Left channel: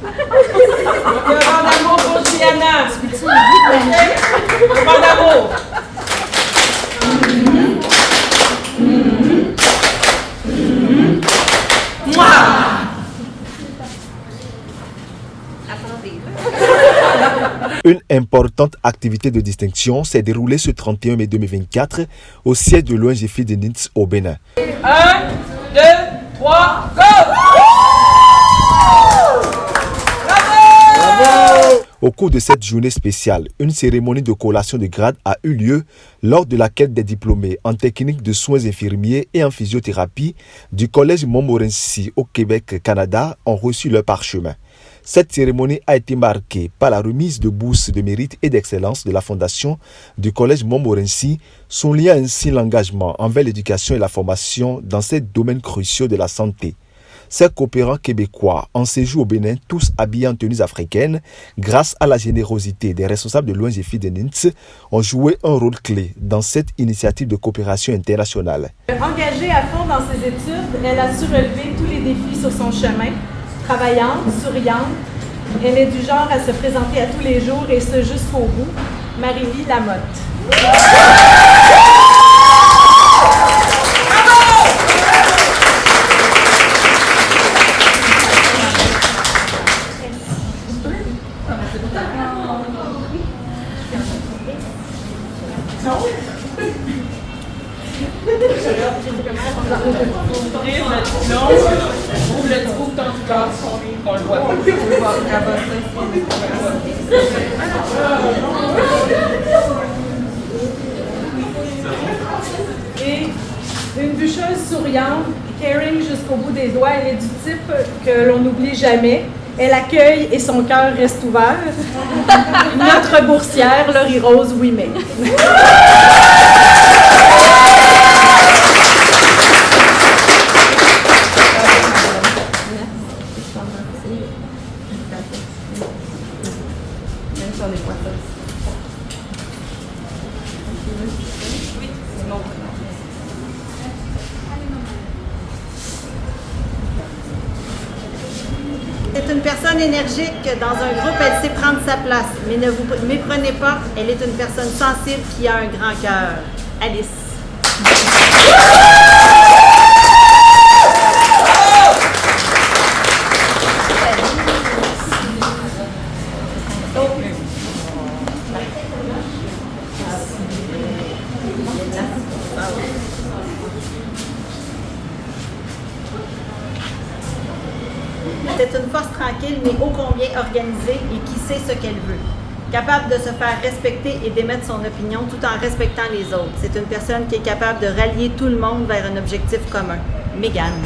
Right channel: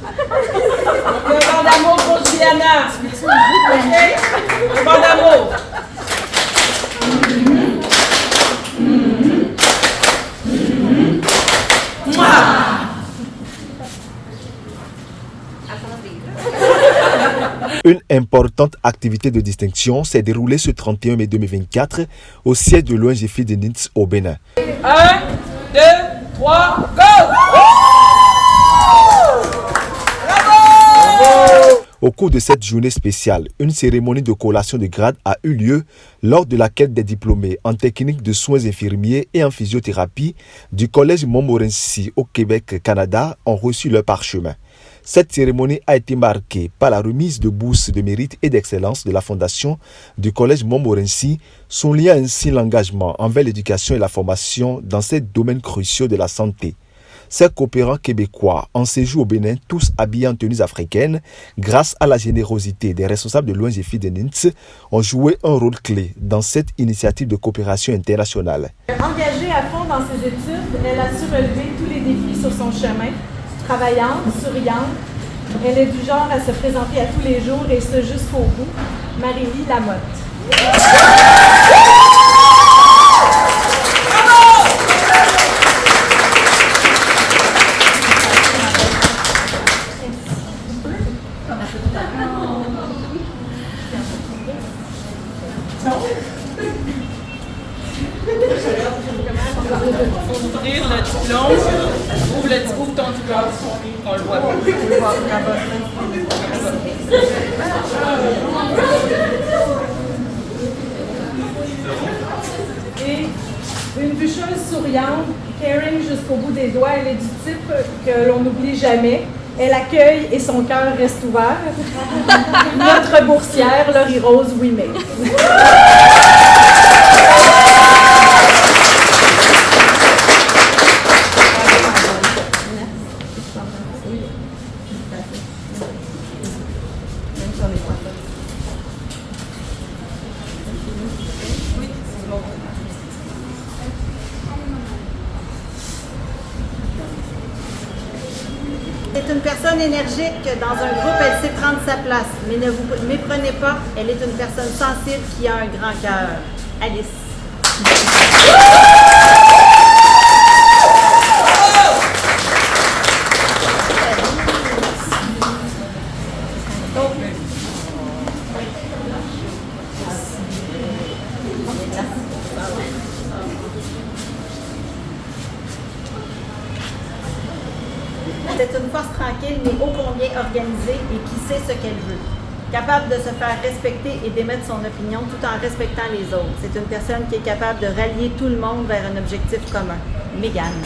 Demande d'amour pour Juliana. Demande d'amour. Une importante activité de distinction s'est déroulée ce 31 mai 2024 au siège de l'ONG de Nins au Bénin. 1, 2, 3, go! Au cours de cette journée spéciale, une cérémonie de collation de grade a eu lieu lors de laquelle des diplômés en technique de soins infirmiers et en physiothérapie du Collège Montmorency au Québec, Canada ont reçu leur parchemin. Cette cérémonie a été marquée par la remise de bourses de mérite et d'excellence de la Fondation du Collège Montmorency, soulignant ainsi l'engagement envers l'éducation et la formation dans ces domaines cruciaux de la santé. Ces coopérants québécois en séjour au Bénin, tous habillés en tenues africaines, grâce à la générosité des responsables de l'ONG de Nins, ont joué un rôle clé dans cette initiative de coopération internationale. Engagée à fond dans ses études, elle a su relever tous les défis sur son chemin. Travaillante, souriante, elle est du genre à se présenter à tous les jours et ce jusqu'au bout. Marie-Lie Lamotte. Et une bûcheuse souriante, caring jusqu'au bout des doigts, elle est du type que l'on n'oublie jamais. Elle accueille et son cœur reste ouvert. Notre boursière, Laurie Rose Ouimet. C'est une personne énergique. Dans un groupe, elle sait prendre sa place. Mais ne vous méprenez pas, elle est une personne sensible qui a un grand cœur. Alice. C'est une force tranquille, mais ô combien organisée et qui sait ce qu'elle veut. Capable de se faire respecter et d'émettre son opinion tout en respectant les autres. C'est une personne qui est capable de rallier tout le monde vers un objectif commun. Mégane.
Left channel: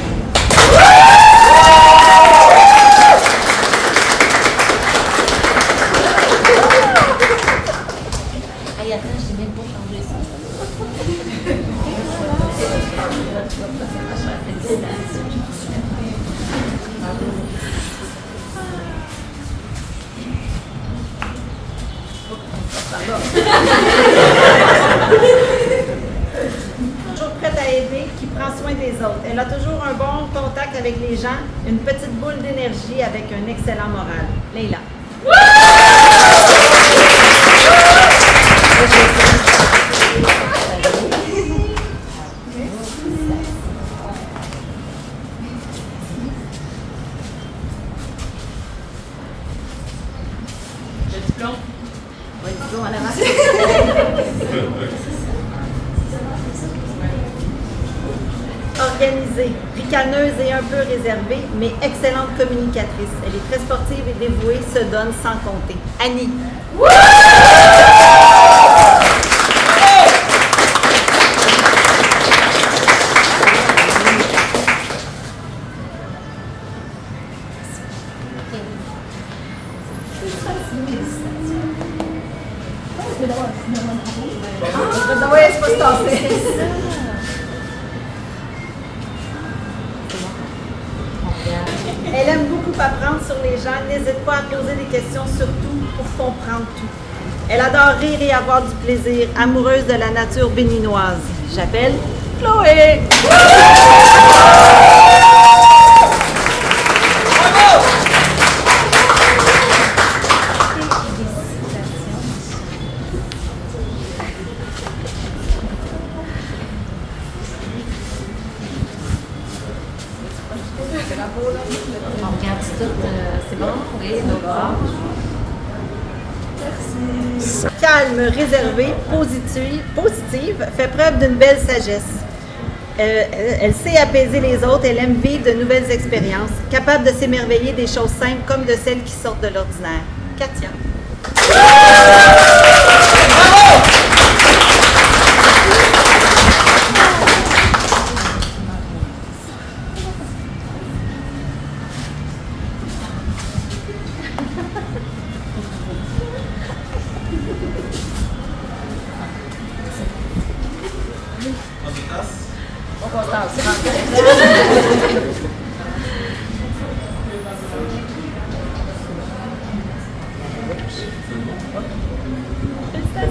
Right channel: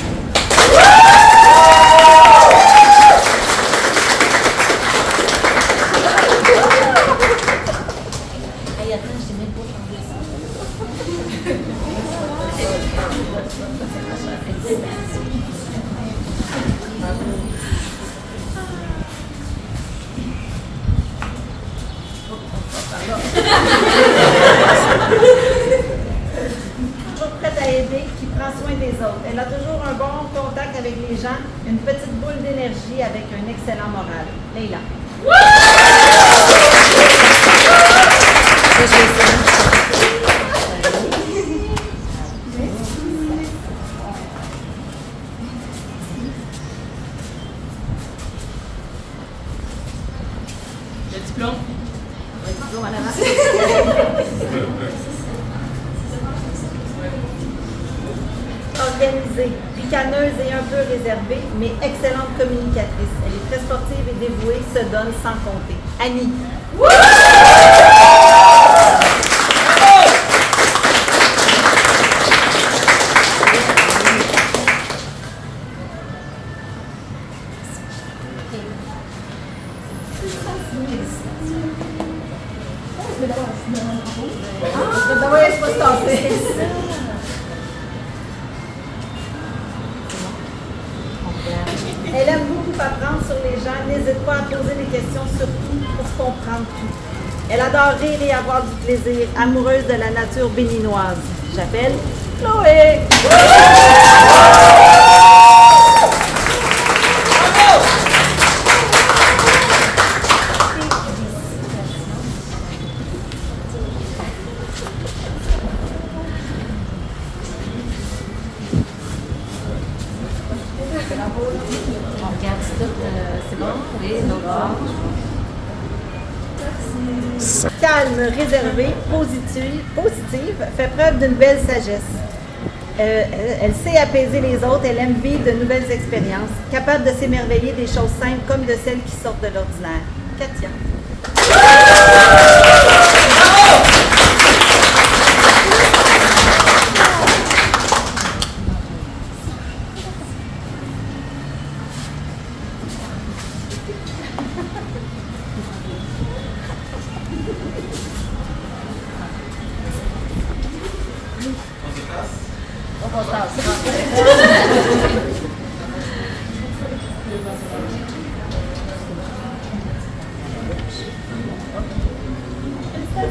Hey, attends, je t'ai même pas changé ça. Toujours prête à aider, qui prend soin des autres. Elle a toujours un bon contact avec les gens, une petite boule d'énergie avec un excellent moral. Leila. Le diplôme. Oui, toujours en avant. Organisée, ricaneuse et un peu réservée, mais excellente communicatrice. Elle est très sportive et dévouée, se donne sans compter. Annie. Elle aime beaucoup apprendre sur les gens, n'hésite pas à poser des questions, surtout pour comprendre tout. Elle adore rire et avoir du plaisir, amoureuse de la nature béninoise. J'appelle Chloé! C'est bon? Oui, l'autre. Calme, réservée, positive, fait preuve d'une belle sagesse. Elle sait apaiser les autres, elle aime vivre de nouvelles expériences, capable de s'émerveiller des choses simples comme de celles qui sortent de l'ordinaire. Katia.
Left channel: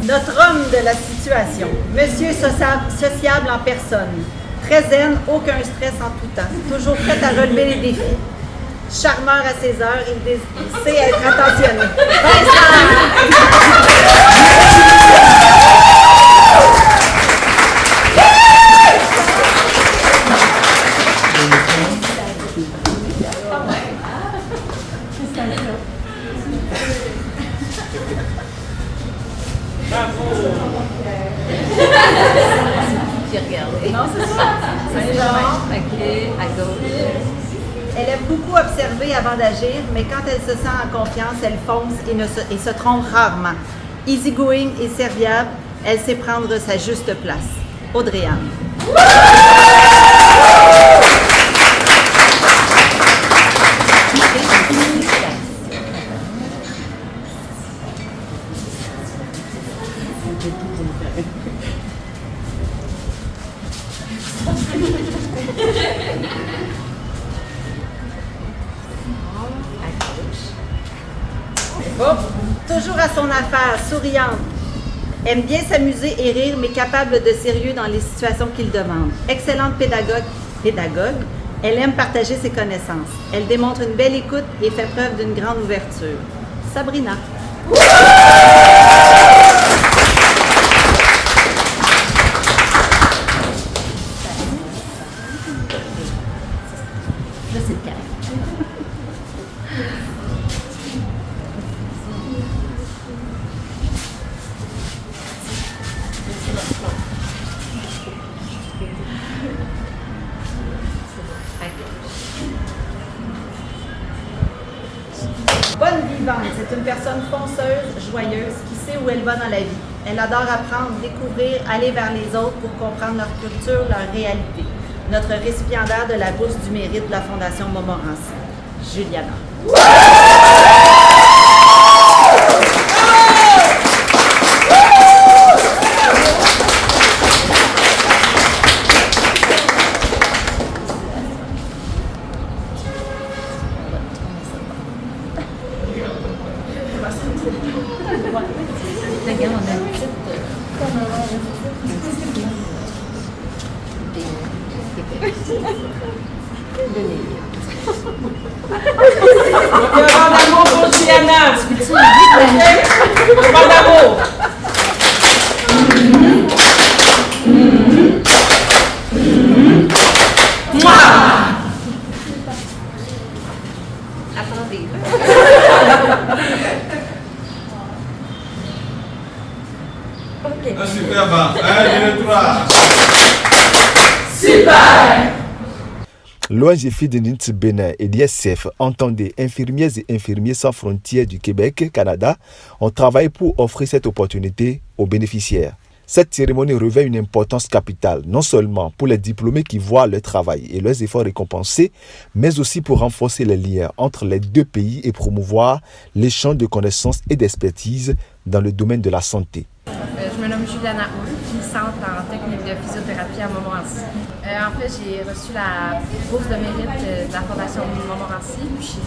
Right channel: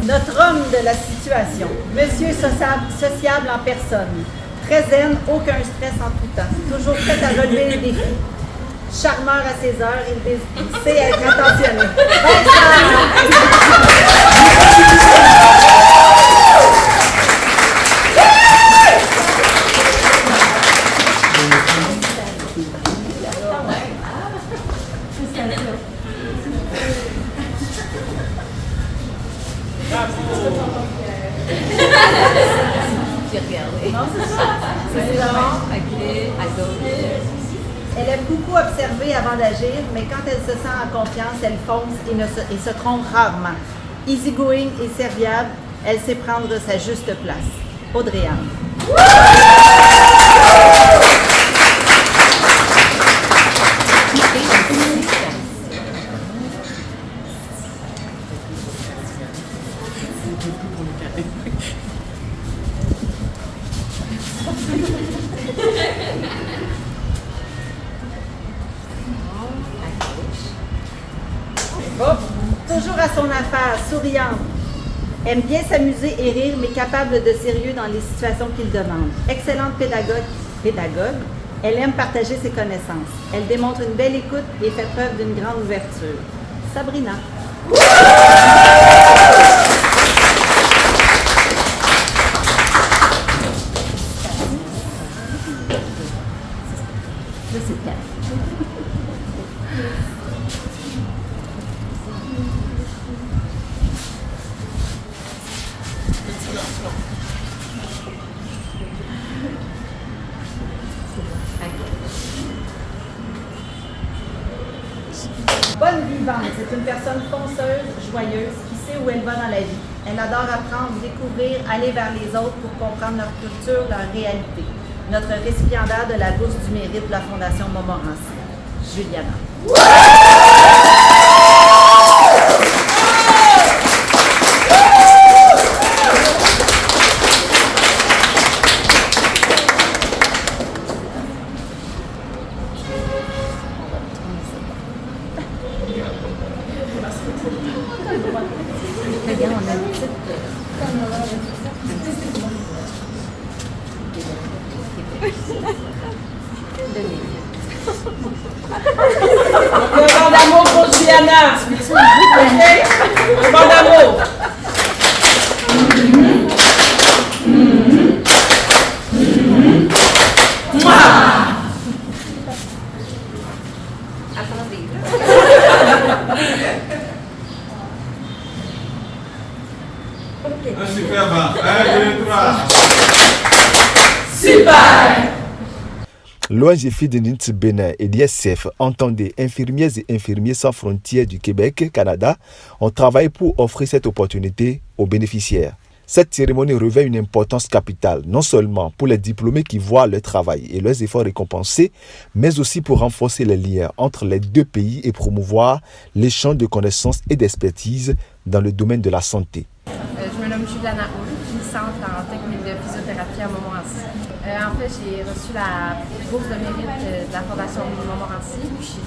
Notre homme de la situation, monsieur sociable en personne, très zen, aucun stress en tout temps, toujours prêt à relever les défis. Charmeur à ses heures, il sait être attentionné. J'ai regardé. Non, c'est ça. OK, à gauche. Elle aime beaucoup observer avant d'agir, mais quand elle se sent en confiance, elle fonce et se trompe rarement. Easygoing et serviable, elle sait prendre sa juste place. Audrey-Anne. Toujours à son affaire, souriante, aime bien s'amuser et rire, mais capable de sérieux dans les situations qu'il demande. Excellente pédagogue, elle aime partager ses connaissances. Elle démontre une belle écoute et fait preuve d'une grande ouverture. Sabrina. Là, c'est le cas. Bonne vivante, c'est une personne fonceuse, joyeuse, qui sait où elle va dans la vie. Elle adore apprendre, découvrir, aller vers les autres pour comprendre leur culture, leur réalité. Notre récipiendaire de la bourse du mérite de la Fondation Montmorency, Juliana. Regarde, on a une petite... Devant d'amour pour Juliana. Devant d'amour. Attendez. Super bon. 1, 2, 3. Super. L'ONG Feed Bénin et l'ISF, entendez Infirmières et Infirmiers sans frontières du Québec, Canada, ont travaillé pour offrir cette opportunité aux bénéficiaires. Cette cérémonie revêt une importance capitale, non seulement pour les diplômés qui voient leur travail et leurs efforts récompensés, mais aussi pour renforcer les liens entre les deux pays et promouvoir l'échange de connaissances et d'expertise dans le domaine de la santé. Je me nomme Juliana Hull, finissante en technique de physiothérapie à Montmorency. En fait, j'ai reçu la bourse de mérite de la Fondation Montmorency. Je suis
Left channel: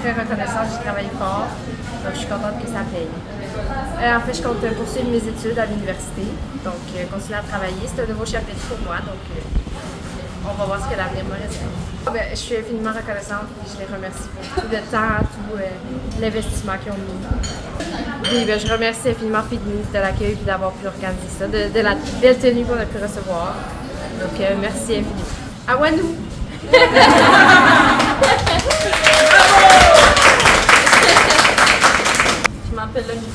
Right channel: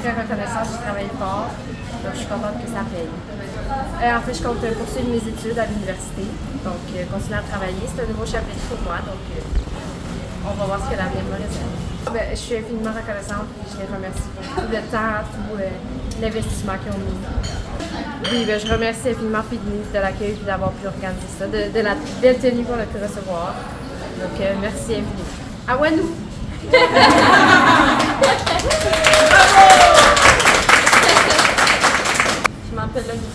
très reconnaissante, j'ai travaillé fort, donc je suis contente que ça paye. En fait, je compte poursuivre mes études à l'université, donc continuer à travailler. C'est un nouveau chapitre pour moi, donc on va voir ce que l'avenir me réserve. Je suis infiniment reconnaissante et je les remercie pour tout le temps, tout l'investissement qu'ils ont mis. Oui, je remercie infiniment Feedme de l'accueil et d'avoir pu organiser ça, de la belle tenue qu'on a pu recevoir. Donc, merci infiniment. À Wanou!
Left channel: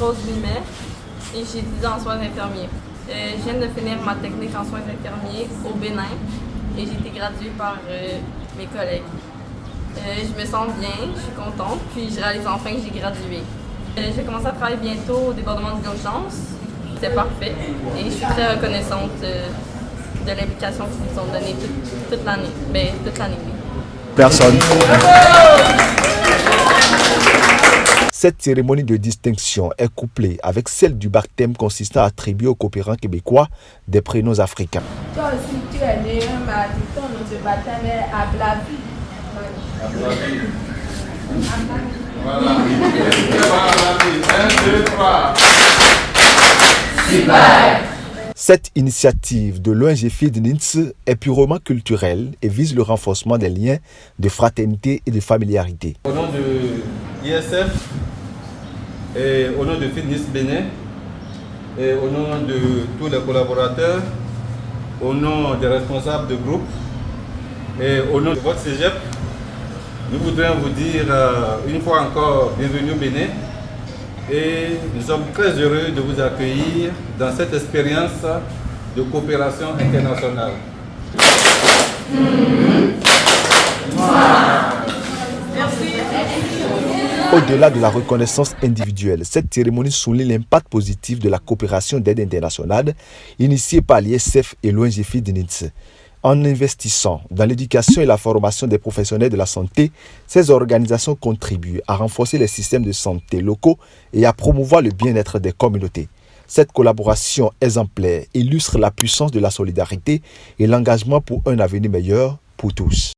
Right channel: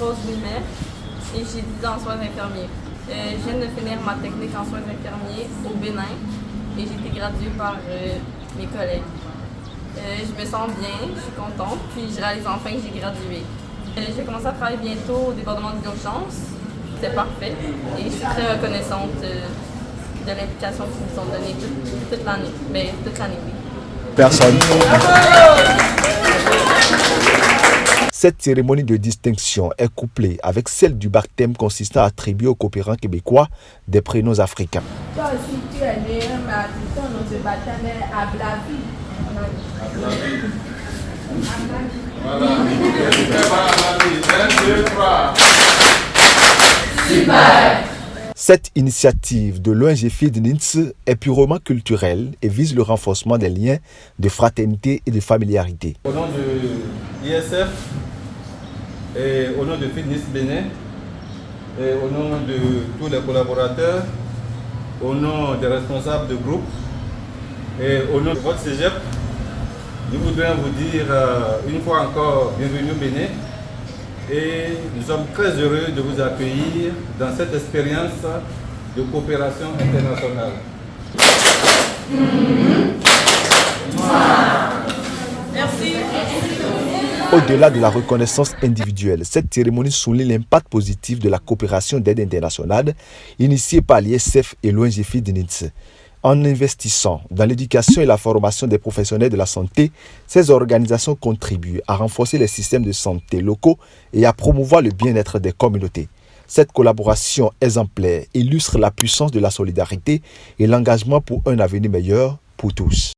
Rose Limer et j'étudie en soins infirmiers. Je viens de finir ma technique en soins infirmiers au Bénin et j'ai été graduée par mes collègues. Je me sens bien, je suis contente, puis je réalise enfin que j'ai gradué. J'ai commencé à travailler bientôt au département d'urgence. C'était parfait et je suis très reconnaissante de l'implication qu'ils nous ont donnée toute l'année. Ben, toute l'année, oui. Personne. Cette cérémonie de distinction est couplée avec celle du baptême consistant à attribuer aux coopérants québécois des prénoms africains. Toi aussi, tu es né, mais ton nom de baptême est Ablavi. Cette initiative de l'ONG de Nins est purement culturelle et vise le renforcement des liens de fraternité et de familiarité. Au nom de l'ISF et au nom de Fitness Bénin et au nom de tous les collaborateurs, au nom des responsables de groupe et au nom de votre cégep, nous voudrions vous dire une fois encore bienvenue au Bénin et nous sommes très heureux de vous accueillir dans cette expérience de coopération internationale. Au-delà de la reconnaissance individuelle, cette cérémonie souligne l'impact positif de la coopération d'aide internationale initiée par l'ISF et l'ONG de Nins. En investissant dans l'éducation et la formation des professionnels de la santé, ces organisations contribuent à renforcer les systèmes de santé locaux et à promouvoir le bien-être des communautés. Cette collaboration exemplaire illustre la puissance de la solidarité et l'engagement pour un avenir meilleur pour tous.